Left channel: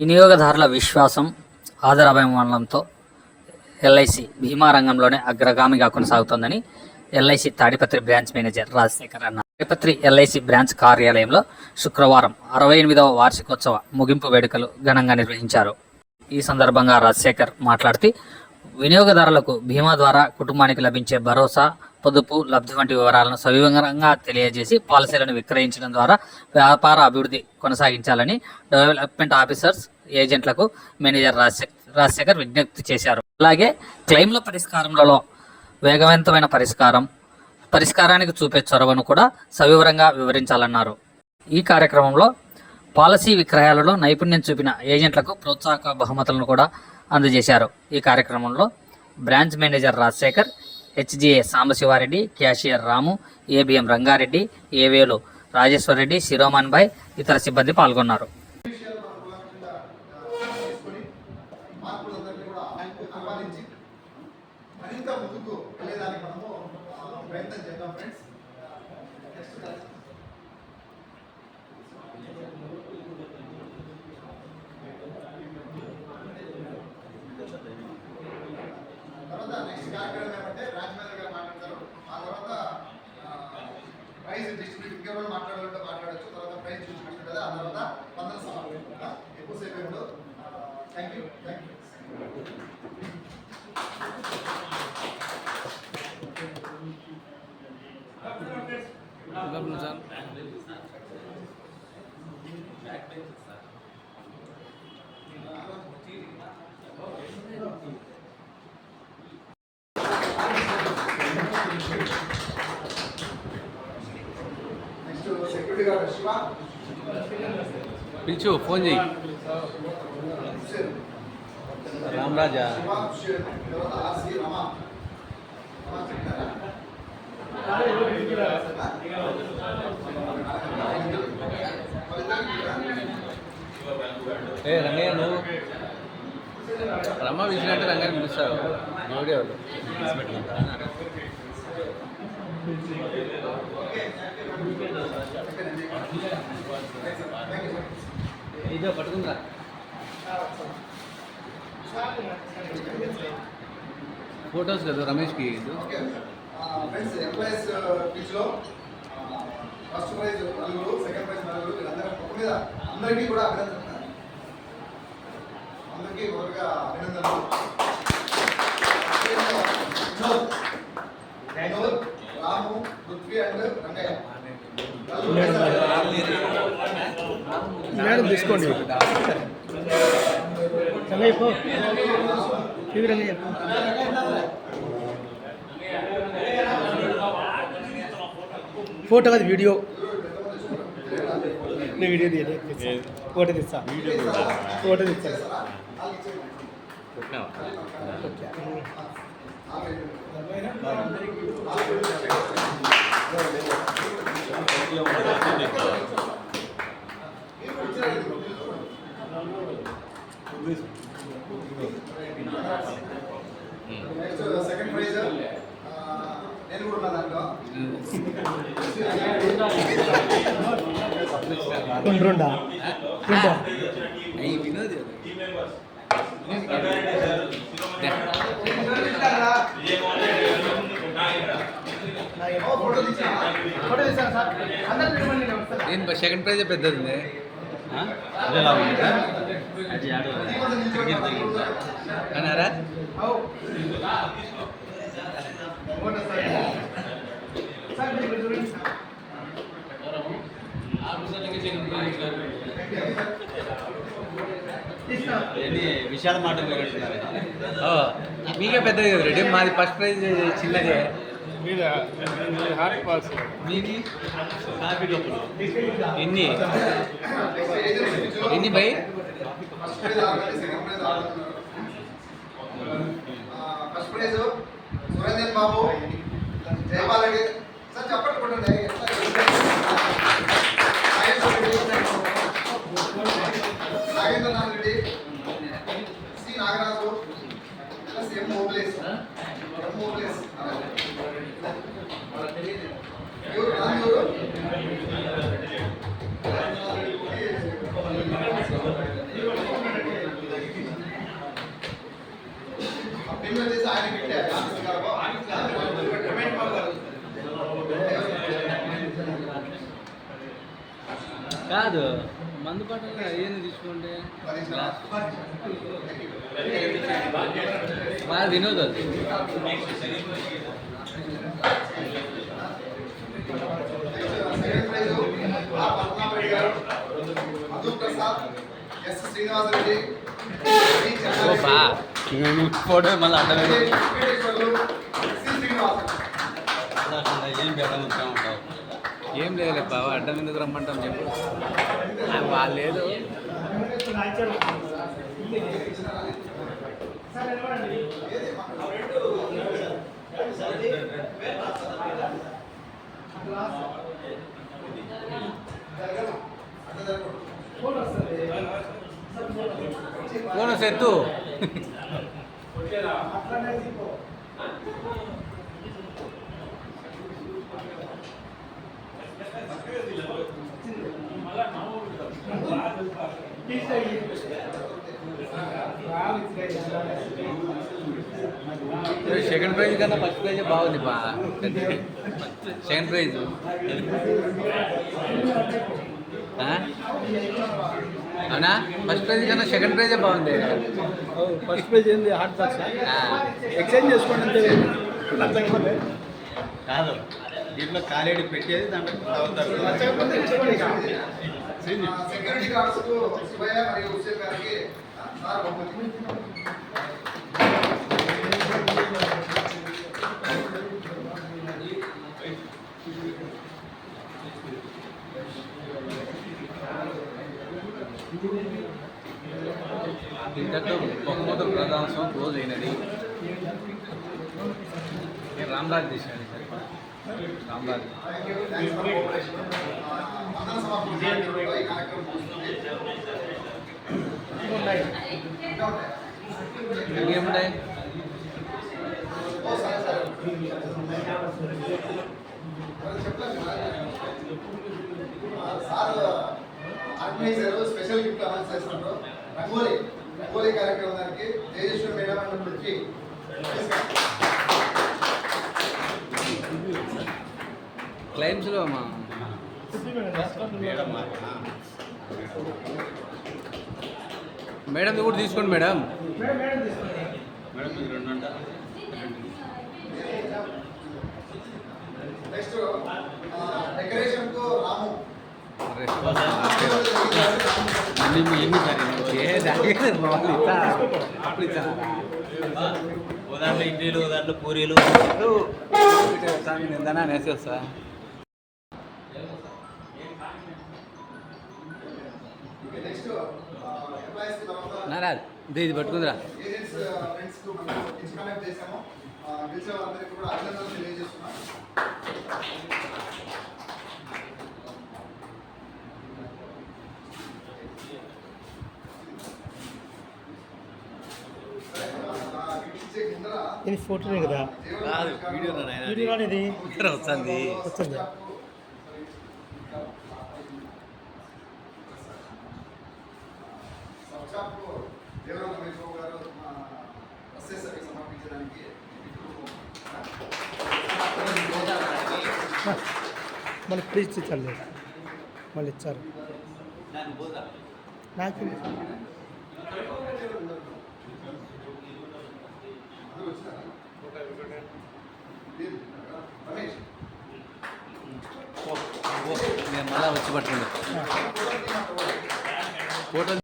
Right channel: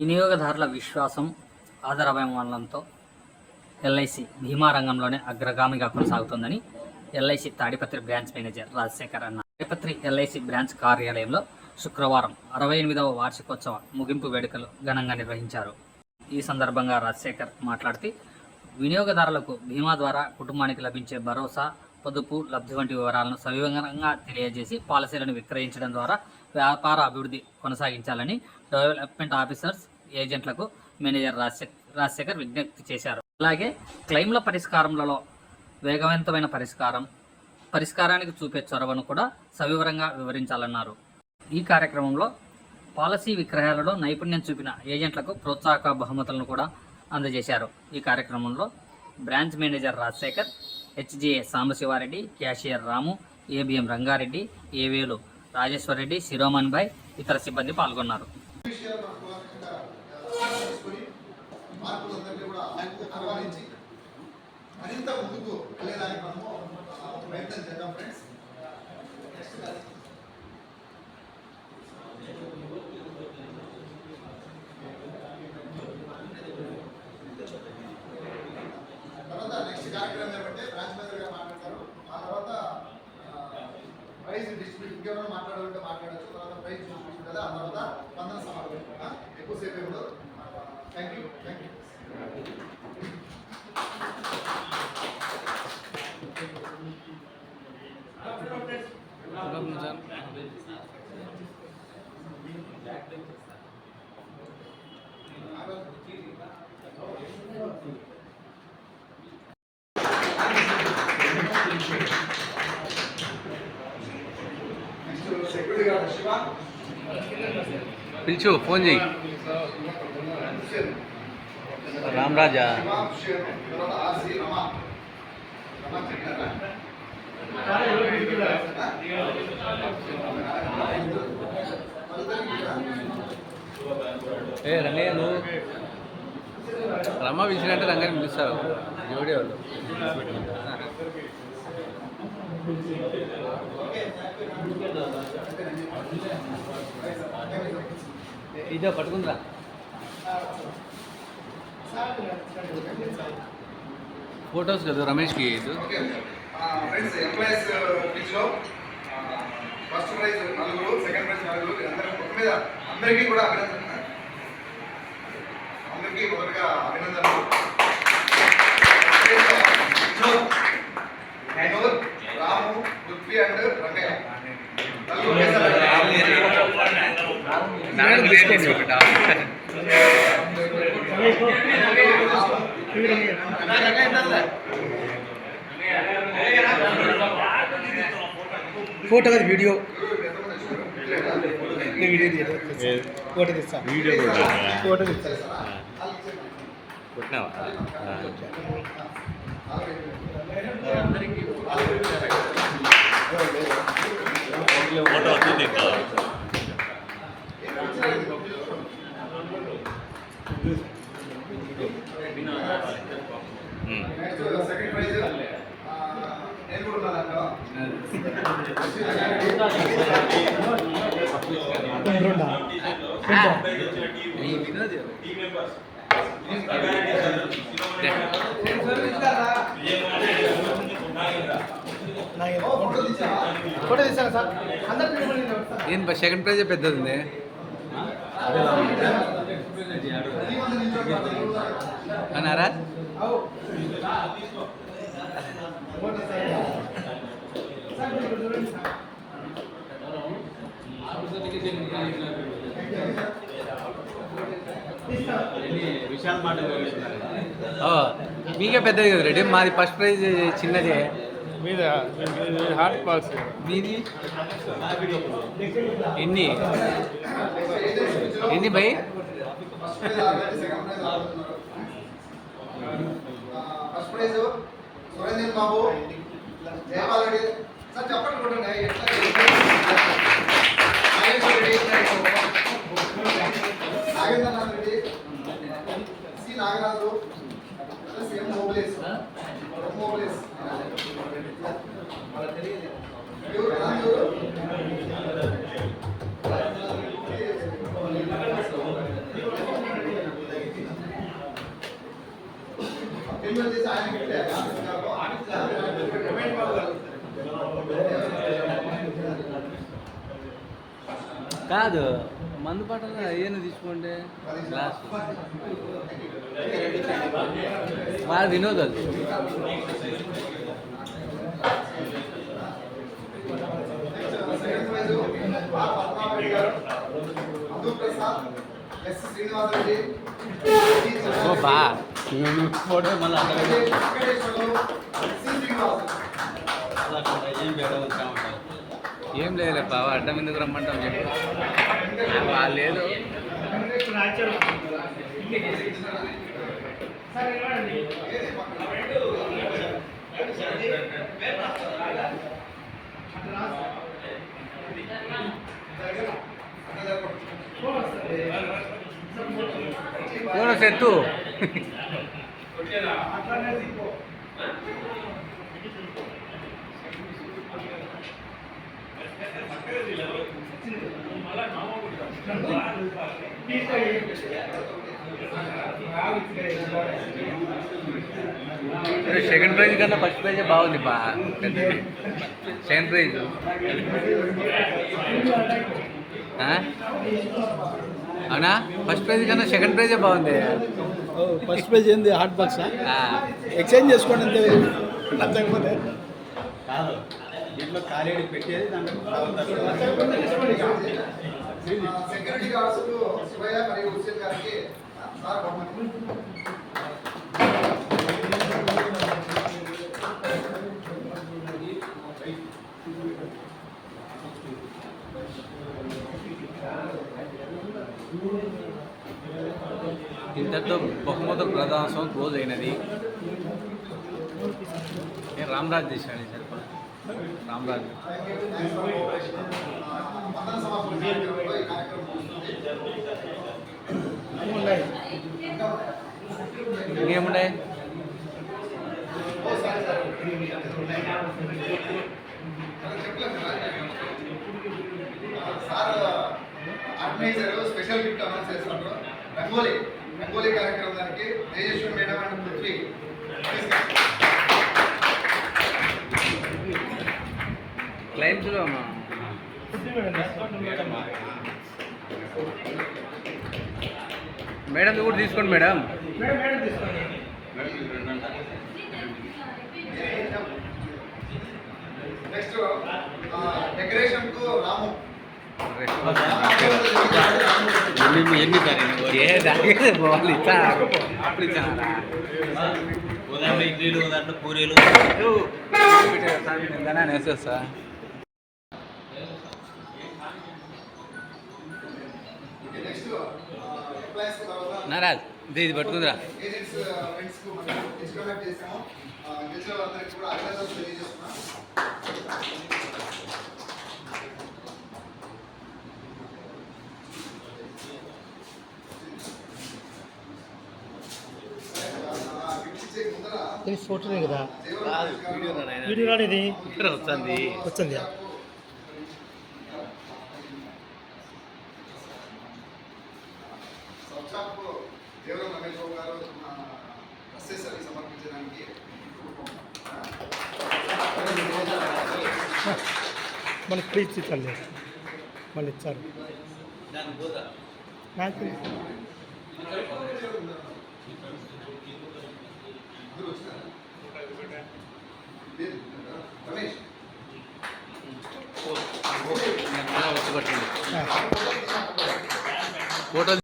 వినియోగదారుల విశ్వాసం, ఆదరాభిమానాలతో ఎల్ఐసి బీమా రంగంలోనే అగ్రగామిగా కొనసాగుతోందని LIC Tadipatri branch manager Rajasekhar అన్నారు. తాడిపత్రి ఎల్ఐసి బ్రాంచ్ కార్యాలయంలో శుక్రవారం 68వ వార్షికోత్సవ ముగింపు వేడుకలు ఘనంగా నిర్వహించారు. ఈ సందర్భంగా రాజశేఖర్ మాట్లాడుతూ వినియోగదారులకు బీమా ద్వారా కుటుంబానికి లభించే భరోసా, పొదుపు, లబ్ధి వంటి వివరాలను సవివరంగా తెలియజేసి పాలసీలను విక్రయించడం ద్వారా వ్యాపార అభివృద్ధి కొనసాగించాలని డెవలప్మెంట్ ఆఫీసర్స్, ఏజెంట్లకు మేనేజర్ రాజశేఖర్ విజ్ఞప్తి చేశారు. అలాగే క్లెయిమ్ల పరిష్కారంలో వేగవంతమైన పరిష్కారానికి చూపే చొరవను కూడా సవివరంగా వివరించాలన్నారు. ఈ కార్యక్రమంలో పాలసీ విక్రయాలలో నైపుణ్యం చూపిన ఏజెంట్లకు ప్రోత్సాహక బహుమతులను కూడా అందజేశారు. ఈ కార్యక్రమంలో branch manager Rajasekhar, HGA Sambasiva Reddy, cashier Ramu, ABM Ranga Reddy, ఏవేలు రాజేశ్వరరెడ్డి, శిరోమన్ భాయ్, ఇతర సిబ్బంది పాల్గొన్నారు. నెక్స్ట్ కార్యక్రమం ఏమంటే బ్రాంచ్ మేనేజర్ గారు మాట్లాడతారు. ఆ తర్వాత ప్రైజ్ డిస్ట్రిబ్యూట్ ఇంకెవరైనా మాట్లాడాలంటే మాట్లాడచ్చు. తర్వాత ప్రైజ్ డిస్ట్రిబ్యూట్ ఉంటుంది. ఆ తర్వాత వందన సభలు ఎక్కువసేపు ఇప్పుడు. Thank you. పిలిచు, ఫోన్ చేయి. రామరాజా రంగయ్య, నువ్వు రమ్మ పిలిచినట్టే రంగాన్ని పిలుస్తారు. జోడి వాళ్ళు ఇదే పట్టుకుందిరా. ఫోటోస్ కదా రమేష్కి. ఫ్రెండ్స్, ఎంప్లాయీస్ పిచ్లో ఫస్ట్ ప్రైజ్ 4, సెకండ్ ప్రైజ్ 4. అందరికీ కూడా అభినందనలు. అందరికీ మొదటిగా అభినందనలు. వినోద్, రాము, పృథ్వీ అండ్ రంగయ్య. ఫోటో కాదు, వీడియో. ఫోటో తీస్తా. ఫోటో తీస్తా. సెకండ్ ప్రైజ్ నేను కూడా ఉన్నా దాంట్లో. ఏం సెకండ్ ప్రైజ్ పెద్దది ఉంది అన్నారా? మీకే పెద్దది కదా రెడీ. మాది ఫస్ట్ ప్రైజ్ చిన్నదే. మీది ఎన్ని by? First prize Surender Babu, Jaipal Reddy. Sir చెప్పండి కొట్టండి. నాగేంద్రనాథ్ రెడ్డి, సి నాగరాజు, ఎం మోబులేస్. ఎవరు పెన్ వచ్చేసి ఆయన పెట్టే కాదు మందు పాటలు ఏమైనా తీసుకోండి గ్లాస్ బాగా వినోద్ అది సెకండ్ ప్రైజ్ ఆర్ పద్మనాభరెడ్డి గారు, మధు ప్రసాద్, ఎస్ శ్రీనివాసరెడ్డి, ఓ బా ఫోటో మళ్ళీ అడ్డమే వెంకటేశ్వర్లు, సి శ్రీనివాసరెడ్డి. ఏం లేదు బావ అడ్డం ఎందుకు రమ్మంటాం చెప్పు వాళ్ళు లేదు ఫోన్ సెత్తు సెకండ్ ప్రైజ్ కన్నా ఫస్ట్ ప్రైజ్ బాగుంది బా పెద్దది సెకండ్ ప్రైజ్ అవునా ఫస్ట్ ప్రైజ్ కన్నా సెకండ్ ప్రైజే బాగుంది ఫస్ట్ పేజ్ ఏంది హాట్ బాక్స్ ఎక్స్చేంజ్ చేసుకోండి అంతే కాదు దీంట్లో కాలేడి పెట్టేది దాంట్లో సెక్యూరిటీ గార్డ్స్ శివయ్య మరియు హుస్సేన్ గారికి సార్ బహుమతి. ఇంతటితో బహుమతుల ప్రదానం క్లోజ్ అయినది నేను రామరాజ్ చేశాను సరిపా రామరాజ్ వందన సమర్పణ కార్యక్రమంలో ఈ కార్యక్రమం ముగుస్తుంది. ఇంకేమున్నాయి sir organizer special gift announce చేస్తున్నారు. రంగోలీ కార్యక్రమానికి తేజస్వి మేడం అండ్ పృథ్వీ క్లైమ్స్లో అమ్మా మేడం కూడా తీసుకోండి మేడం నెక్స్ట్ డెకరేషన్ కు రాము ఎన్ని ఏ దాకా పోవాలి ఇచ్చా అప్పుడు ఇచ్చారా ఉదాహరణ ఇడ్లీలు ఉదాహరణ పూరీలు నిందనా నేసేస్తా నెక్స్ట్ ఎంప్లాయీస్ తర్వాత నారాజ్ ఇది పట్టుకుందిరా ఏజెంట్స్ ఫ్రెండ్స్ కు మనం డిస్కనెక్ట్ చేసాము. గెలిచిన వాళ్ళందరికీ కూడా అభినందనలు తెలియజేస్తున్నాం. ఇది ఫోటోనే కదా వీడియో రానిది వస్తుంది వచ్చింది దేవరం రమేష్ బాబు గారు అసెసరీ సమర్పించడానికి మనకి ఫ్రీ ఇచ్చారు మళ్ళీ ఇచ్చారు నాకు రమేష్ వచ్చి పట్టింది ఫోటో